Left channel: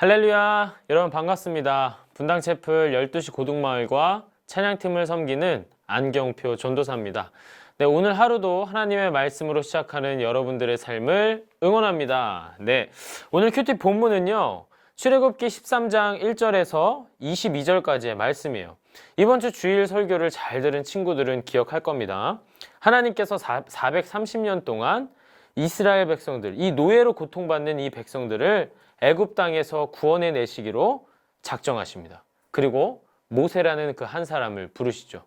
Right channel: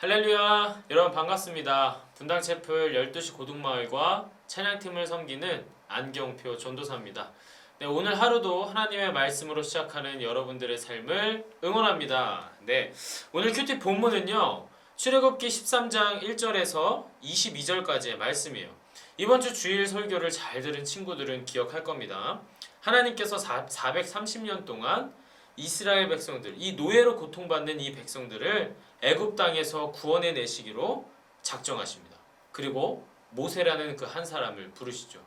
할렐루야! 여러분 반갑습니다. 분당채플 12시 고등마을과 찬양팀을 섬기는 안경표 전도사입니다. 네, 오늘 하루도 하나님의 말씀으로 시작하는 여러분들의 삶을 응원합니다. 네, 오늘 큐티 본문은요. 출애굽기 13장 1절에서 22절까지의 말씀이에요. 이번 주 주일 설교를 잘 들은 친구들은 기억할 겁니다. 하나님께서 430년 동안 이스라엘 백성들, 이 노예로 고통받는 이 백성들을 애굽 땅에서 구원해 내시기로 작정하십니다. 그리고 모세라는 그 한 사람을 부르시죠.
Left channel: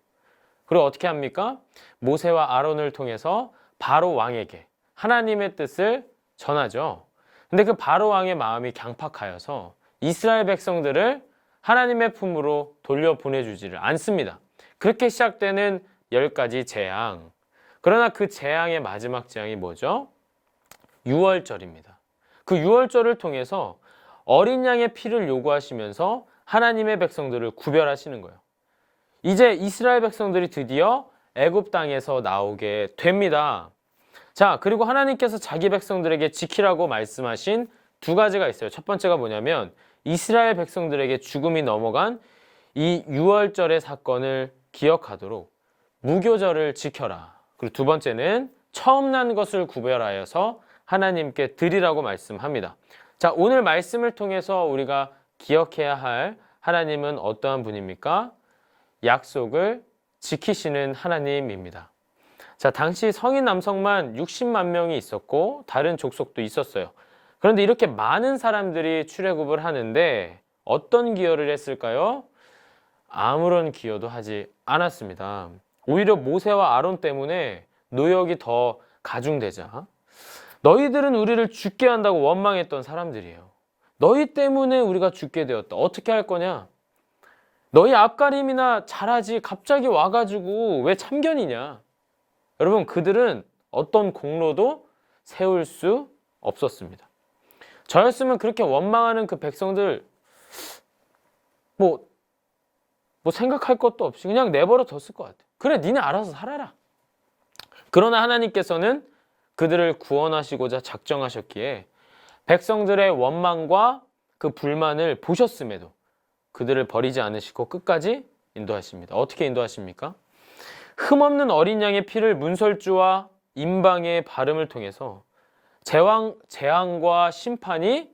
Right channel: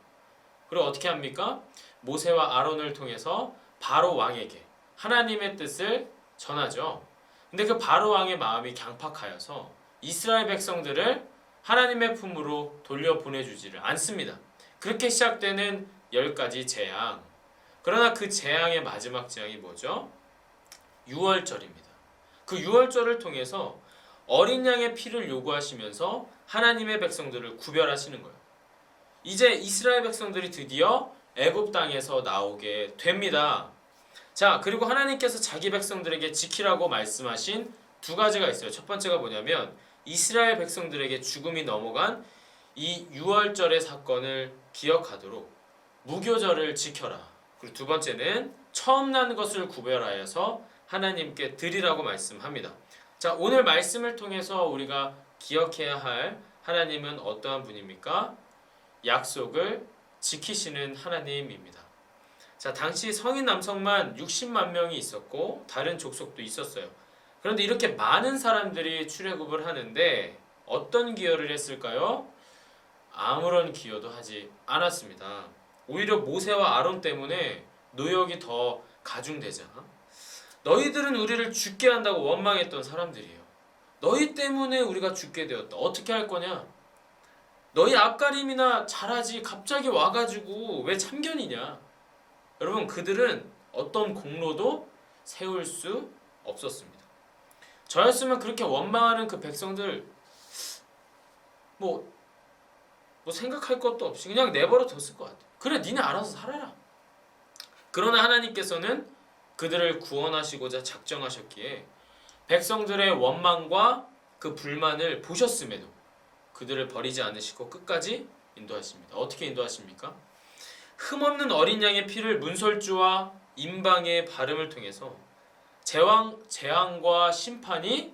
그리고 어떻게 합니까? 모세와 아론을 통해서 바로 왕에게 하나님의 뜻을 전하죠. 근데 그 바로 왕의 마음이 강팍하여서 이스라엘 백성들을 하나님의 품으로 돌려보내주지를 않습니다. 그렇게 시작되는 10가지 재앙. 그러나 그 재앙의 마지막 재앙이 뭐죠? 유월절입니다. 그 유월절을 통해서 어린 양의 피를 요구하시면서 하나님의 백성들을 구별하시는 거예요. 이제 이스라엘 백성들이 드디어 애굽 땅에서 나오게 됩니다. 자, 그리고 하나님께서 자기 백성들에게 지키라고 말씀하신 두 가지가 있어요. 첫 번째가 뭐냐면 이스라엘 백성들에게 죽음이 넘어간 이 유월절의 사건을 기억하도록 무교절을 지켜라. 그리고 두 번째는 처음 난 것을 구별하여서 하나님께 드리라고 말씀합니다. 자, 오늘 말씀을 통해서 우리가 기억해야 할 하나님은 어떠한 분입니까? 약속을 지키시는 하나님입니다. 자, 당시 성인 남성만 60만 명이 있었고 다른 족속도 있었어요. 그런데 이렇게 많은 사람들이 출애굽을 하는데 어떤 기여를 했을까요? 아무런 기여도 하지 않았습니다. 오히려 모세와 아론 때문에 노역이 더 가중되자 너희들은 우리를 죽게 한다고 원망했던 사람들이에요. 너희 때문에 우리가 죽게 되었다. 어떻게 할 거냐? 너희 앞가림이나 잘하지 갑자기 와가지고 왜 참견이냐? 여러분, 그들은 어떤 공로도 세울 수 없었습니다. 저였으면 그렇게 원망하는 그 백성들 뭐 생각할 것도 없이 그냥 내버려 뒀을 것 같아요. 그래, 니네 알아서 살아라. 그러나 하나님께서는 그들을 구원하시고자 작정하셨기에 백성들의 원망과 그 불만을 보셨음에도 그들을 버리지 않으시고 끝까지 인도하십니다. 어떻게 인도하십니까? 흠없는 어린 양의 피를 문설주와 임방의 발음을 통해서 재앙과 심판이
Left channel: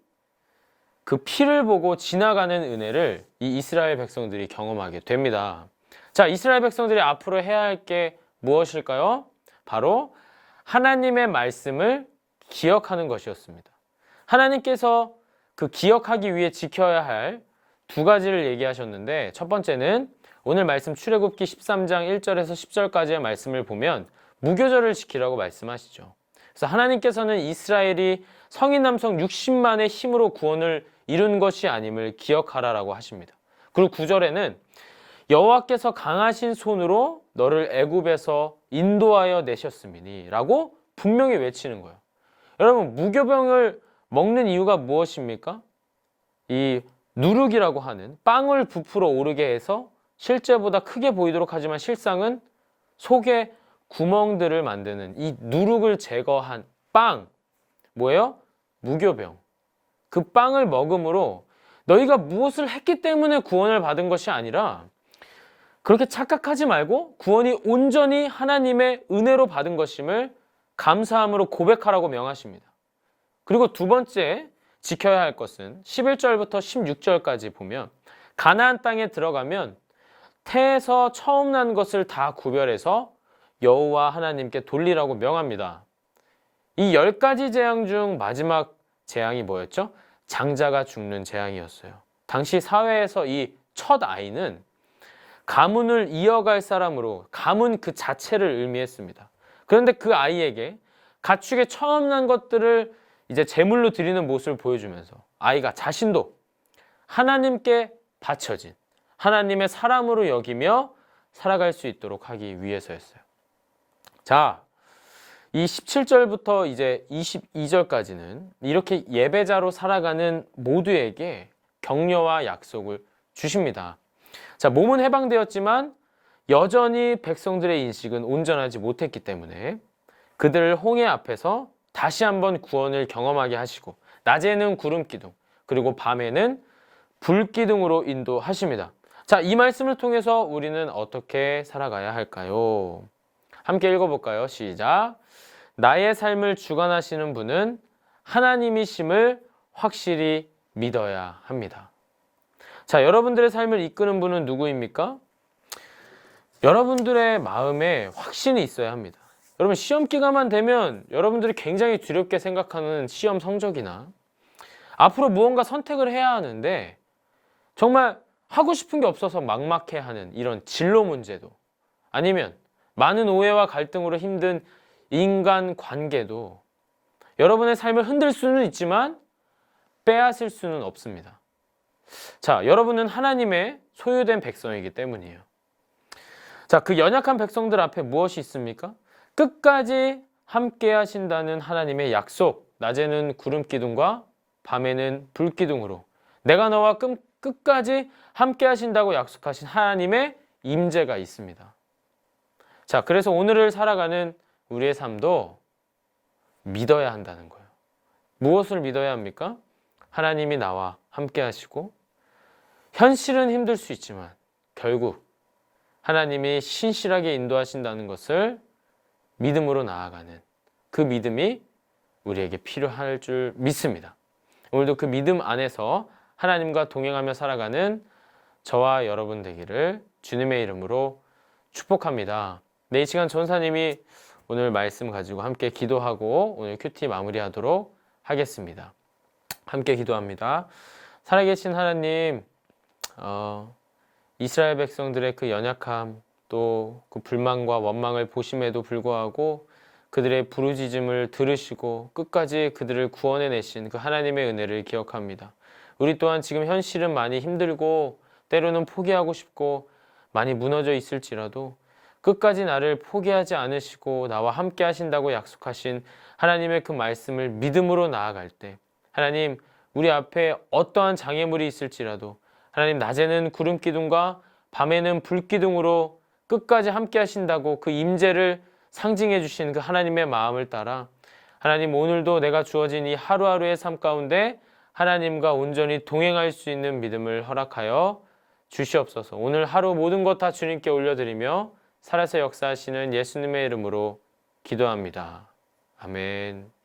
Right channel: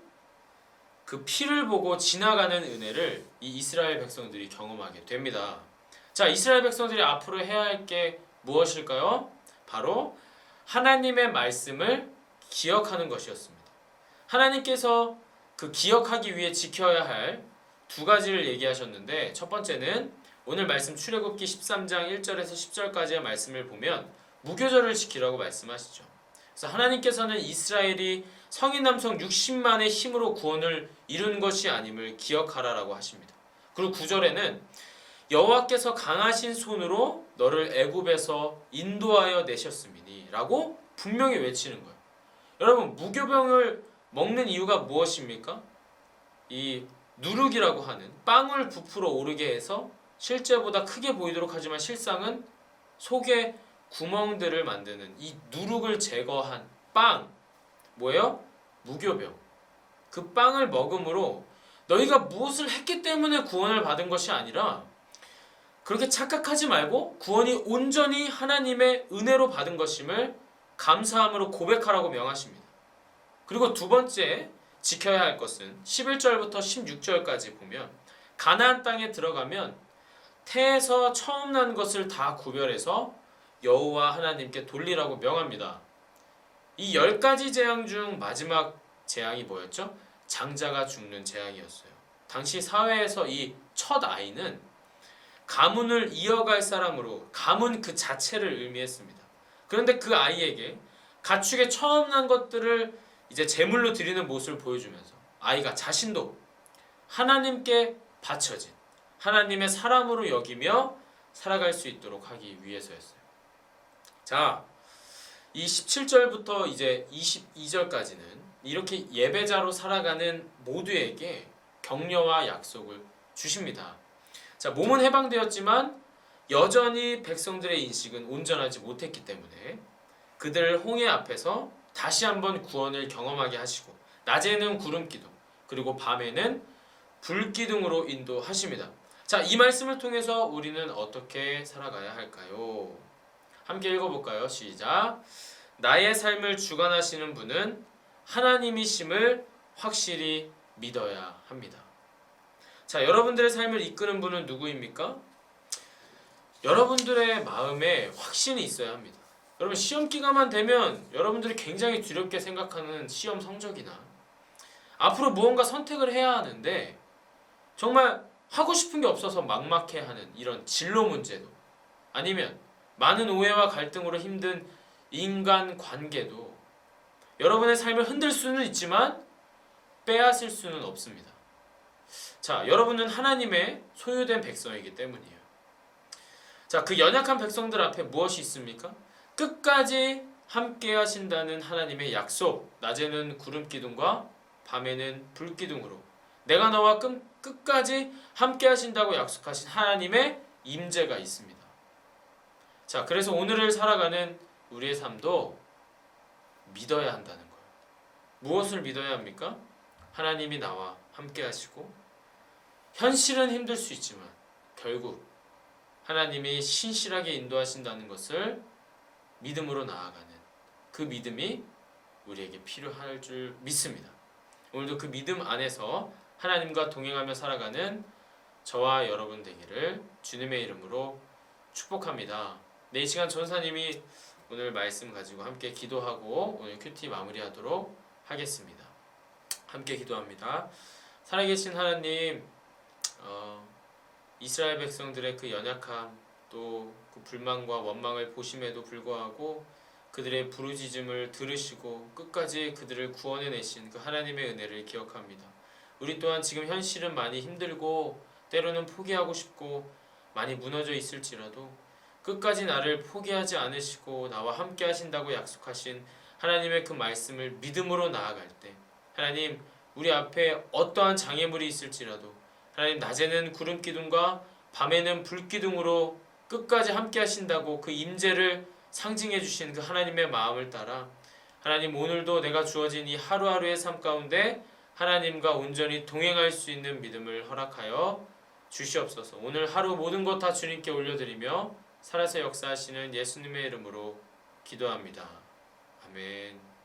그 피를 보고 지나가는 은혜를 이 이스라엘 백성들이 경험하게 됩니다. 자, 이스라엘 백성들이 앞으로 해야 할 게 무엇일까요? 바로 하나님의 말씀을 기억하는 것이었습니다. 하나님께서 그 기억하기 위해 지켜야 할 두 가지를 얘기하셨는데 첫 번째는 오늘 말씀 출애굽기 13장 1절에서 10절까지의 말씀을 보면 무교절을 지키라고 말씀하시죠. 그래서 하나님께서는 이스라엘이 성인 남성 60만의 힘으로 구원을 이룬 것이 아님을 기억하라라고 하십니다. 그리고 9절에는 여호와께서 강하신 손으로 너를 애굽에서 인도하여 내셨음이니 라고 분명히 외치는 거예요. 여러분, 무교병을 먹는 이유가 무엇입니까? 이 누룩이라고 하는 빵을 부풀어 오르게 해서 실제보다 크게 보이도록 하지만 실상은 속에 구멍들을 만드는 이 누룩을 제거한 빵, 뭐예요? 무교병. 그 빵을 먹음으로 너희가 무엇을 했기 때문에 구원을 받은 것이 아니라 그렇게 착각하지 말고 구원이 온전히 하나님의 은혜로 받은 것임을 감사함으로 고백하라고 명하십니다. 그리고 두 번째 지켜야 할 것은 11절부터 16절까지 보면 가나안 땅에 들어가면 태에서 처음 난 것을 다 구별해서 여호와 하나님께 돌리라고 명합니다. 이 10가지 재앙 중 마지막 재앙이 뭐였죠? 장자가 죽는 재앙이었어요. 당시 사회에서 이 첫 아이는 가문을 이어갈 사람으로 가문 그 자체를 의미했습니다. 그런데 그 아이에게 가축에 처음 난 것들을 이제 제물로 드리는 모습을 보여주면서 아이가 자신도 하나님께 바쳐진 하나님의 사람으로 여기며 살아갈 수 있도록 하기 위해서였어요. 자, 이 17절부터 이제 22절까지는 이렇게 예배자로 살아가는 모두에게 격려와 약속을 주십니다. 자, 몸은 해방되었지만 여전히 백성들의 인식은 온전하지 못했기 때문에 그들을 홍해 앞에서 다시 한번 구원을 경험하게 하시고 낮에는 구름 기둥 그리고 밤에는 불기둥으로 인도하십니다. 자, 이 말씀을 통해서 우리는 어떻게 살아가야 할까요? 함께 읽어볼까요? 시작. 나의 삶을 주관하시는 분은 하나님이심을 확실히 믿어야 합니다. 자, 여러분들의 삶을 이끄는 분은 누구입니까? 여러분들의 마음에 확신이 있어야 합니다. 여러분, 시험 기간만 되면 여러분들이 굉장히 두렵게 생각하는 시험 성적이나 앞으로 무언가 선택을 해야 하는데 정말 하고 싶은 게 없어서 막막해하는 이런 진로 문제도, 아니면 많은 오해와 갈등으로 힘든 인간 관계도 여러분의 삶을 흔들 수는 있지만 빼앗을 수는 없습니다. 자, 여러분은 하나님의 소유된 백성이기 때문이에요. 자, 그 연약한 백성들 앞에 무엇이 있습니까? 끝까지 함께 하신다는 하나님의 약속, 낮에는 구름 기둥과 밤에는 불 기둥으로 내가 너와 끝까지 함께 하신다고 약속하신 하나님의 임재가 있습니다. 자, 그래서 오늘을 살아가는 우리의 삶도 믿어야 한다는 거예요. 무엇을 믿어야 합니까? 하나님이 나와 함께 하시고, 현실은 힘들 수 있지만 결국 하나님이 신실하게 인도하신다는 것을 믿음으로 나아가는 그 믿음이 우리에게 필요할 줄 믿습니다. 오늘도 그 믿음 안에서 하나님과 동행하며 살아가는 저와 여러분 되기를 주님의 이름으로 축복합니다. 네, 이 시간 전사님이 오늘 말씀 가지고 함께 기도하고 오늘 큐티 마무리하도록 하겠습니다. 함께 기도합니다. 살아계신 하나님, 이스라엘 백성들의 그 연약함, 또 그 불만과 원망을 보심에도 불구하고 그들의 부르짖음을 들으시고 끝까지 그들을 구원해내신 그 하나님의 은혜를 기억합니다. 우리 또한 지금 현실은 많이 힘들고 때로는 포기하고 싶고 많이 무너져 있을지라도 끝까지 나를 포기하지 않으시고 나와 함께 하신다고 약속하신 하나님의 그 말씀을 믿음으로 나아갈 때, 하나님, 우리 앞에 어떠한 장애물이 있을지라도 하나님, 낮에는 구름 기둥과 밤에는 불 기둥으로 끝까지 함께 하신다고 그 임재를 상징해 주신 그 하나님의 마음을 따라 하나님, 오늘도 내가 주어진 이 하루하루의 삶 가운데 하나님과 온전히 동행할 수 있는 믿음을 허락하여 주시옵소서. 오늘 하루 모든 것 다 주님께 올려드리며 살아서 역사하시는 예수님의 이름으로 기도합니다. 아멘.